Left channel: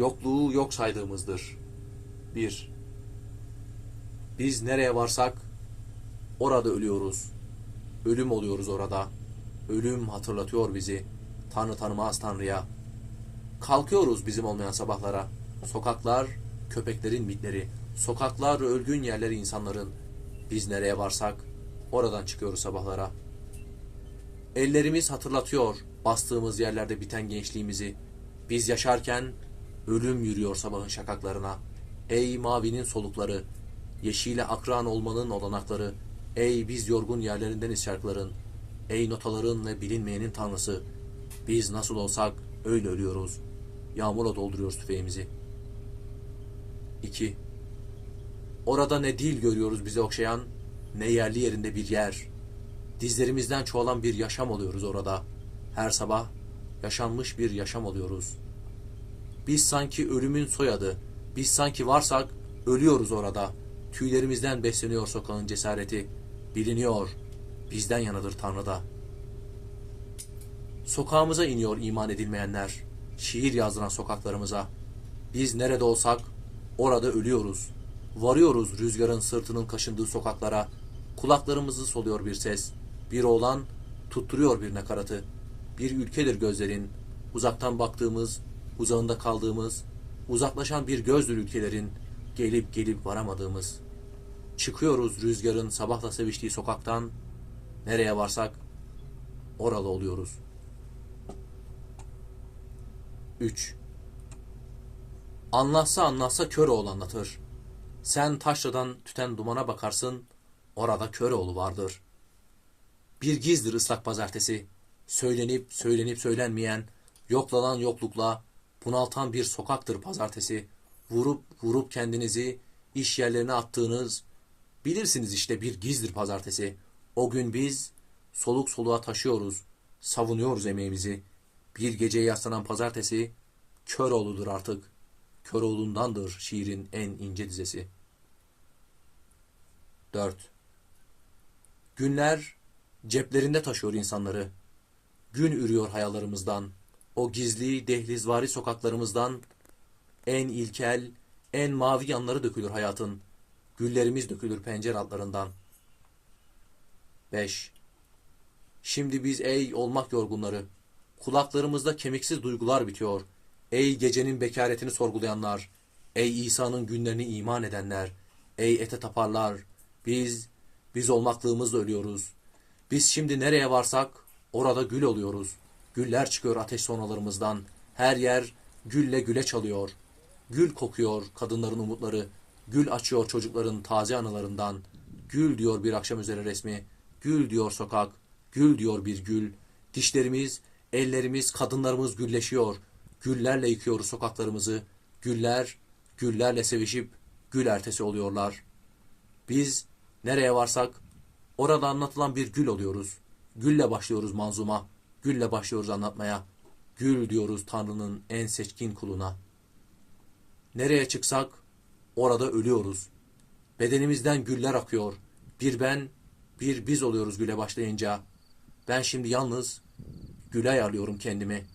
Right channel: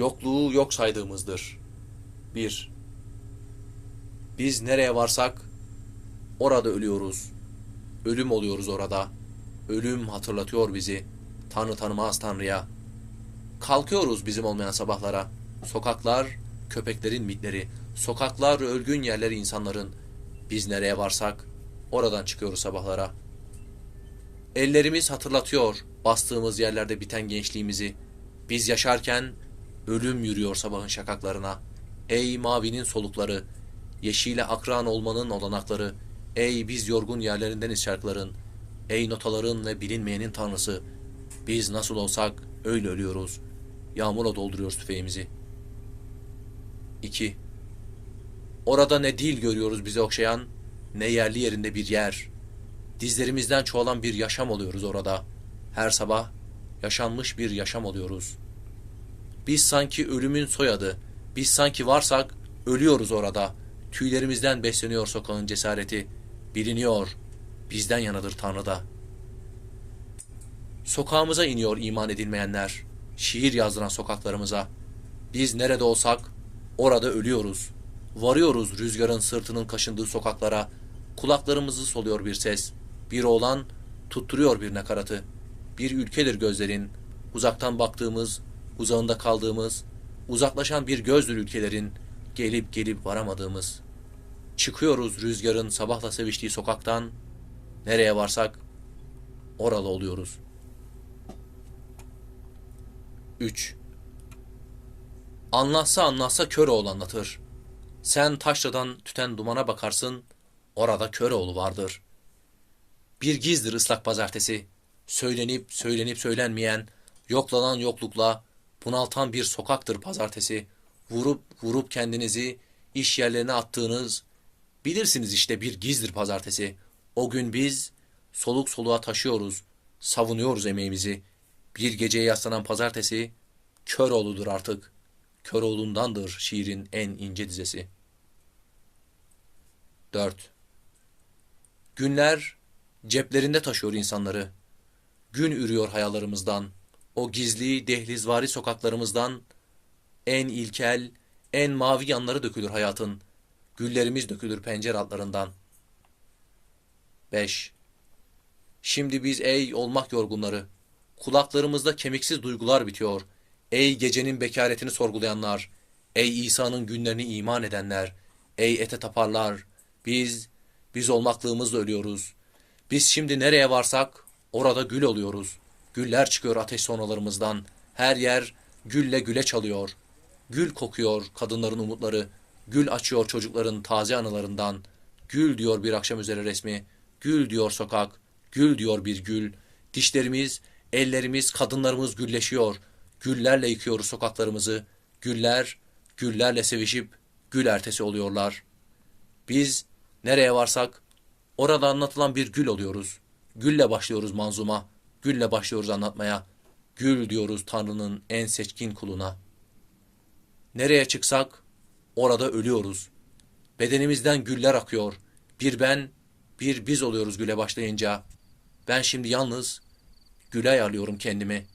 yokluğu yok saydığımızdır. 1. Biz nereye varsak orada ölüyoruz. Ölüm oluyoruz orada. Ölüm hatırlatıyor bizi. Tanrı tanımaz Tanrı'ya. Kalkıyoruz bizim olmayan sabahlara. Sokaklar köpeklerin mitleri. Sokaklar ölgün yerleri insanların. Biz nereye varsak oradan çıkıyoruz sabahlara. Ellerimiz hatırlatıyor bastığımız yerlerde biten gençliğimizi. Biz yaşarken ölüm yürüyor sabahın şakaklarına. Ey mavinin solukları, yeşile akran olmanın olanakları, ey biz yorgun yerlerindeniz şarkıların, ey notaların ve bilinmeyenin tanrısı, biz nasıl olsak öyle ölüyoruz. Yağmurla dolduruyoruz tüfeğimizi. 2. Orada ne dil görüyoruz bizi okşayan, ne yerli yerinde bir yer. Dizlerimizden çoğalan bir yaşam oluyoruz orada. Her sabah yaşanmış bir yaşam oluyoruz. Biz sanki ölümün soyadı, biz sanki varsak ölüyoruz orada. Tüylerimizden besleniyor sokağın cesareti. Biliniyor, bizden yanadır Tanrı'da. Sokağımıza iniyor iman edilmeyenler. Şiir yazdıran sokaklarımıza. Biz nerede olsak orada ölüyoruz. Varıyoruz rüzgarın sırtının kaşındığı sokaklara. Kulaklarımızı soluyor bir ses. Bir oğlan tutturuyor bir nakaratı. Bir ülkedir gözlerin. Uzaktan baktığımız, uzağında kaldığımız, uzaklaşan bir gözdür ülkelerin. Gelip gelip varamadığımız. Çıkıyoruz rüzgarın sabahla seviştiği sokaktan. Nereye varsak oralı oluyoruz. 3. Anlatsa anlatsa Köroğlu anlatır. Sen taşradan tüten dumana bakarsın, orada Köroğlu vardır. Bir gizdir ıslak pazartesi. Söylenip söylenip söylenmeyen, yoklanan yoklukla, bunaltan bir sokaktır pazartesi. Vurup vurup kendinizi iş yerlerine attığınız, bilirsiniz işte bir gizdir pazartesi. O gün biz soluk soluğa taşıyoruz, savunuyoruz emeğimizi. Bir geceye yaslanan pazartesi, Köroğlu'dur artık. Köroğlu'ndandır şiirin en ince dizesi. 4. Günler ceplerinde taşıyor insanları. Gün ürüyor hayallerimizden. O gizli dehlizvari sokaklarımızdan en ilkel, en mavi yanları dökülür hayatın. Güllerimiz dökülür pencere altlarından. 5. Şimdi biz ey olmak yorgunları, kulaklarımızda kemiksiz duygular bitiyor. Ey gecenin bekaretini sorgulayanlar, ey İsa'nın günlerini iman edenler, ey ete taparlar, biz, biz olmaklığımızla ölüyoruz. Biz şimdi nereye varsak orada gül oluyoruz. Güller çıkıyor ateş sonalarımızdan. Her yer gülle güle çalıyor. Gül kokuyor kadınların umutları. Gül açıyor çocukların taze anılarından. Gül diyor bir akşam üzeri resmi. Gül diyor sokak. Gül diyor bir gül. Dişlerimiz, ellerimiz, kadınlarımız gülleşiyor. Güllerle yıkıyoruz sokaklarımızı. Güller, güllerle sevişip gül ertesi oluyorlar. Biz nereye varsak orada anlatılan bir gül oluyoruz. Gülle başlıyoruz manzuma. Gülle başlıyoruz anlatmaya. Gül diyoruz Tanrı'nın en seçkin kuluna. Nereye çıksak orada ölüyoruz. Bedenimizden güller akıyor. Bir ben, bir biz oluyoruz güle başlayınca. Ben şimdi yalnız güle ayarlıyorum kendimi.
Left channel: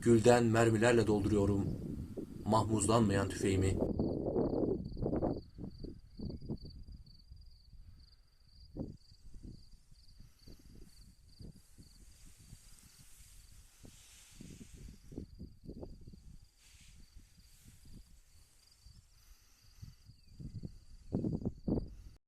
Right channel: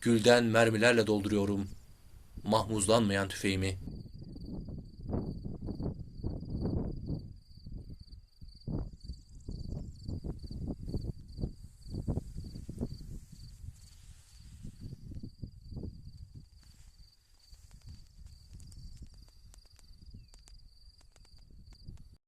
Gülden mermilerle dolduruyorum mahmuzlanmayan tüfeğimi.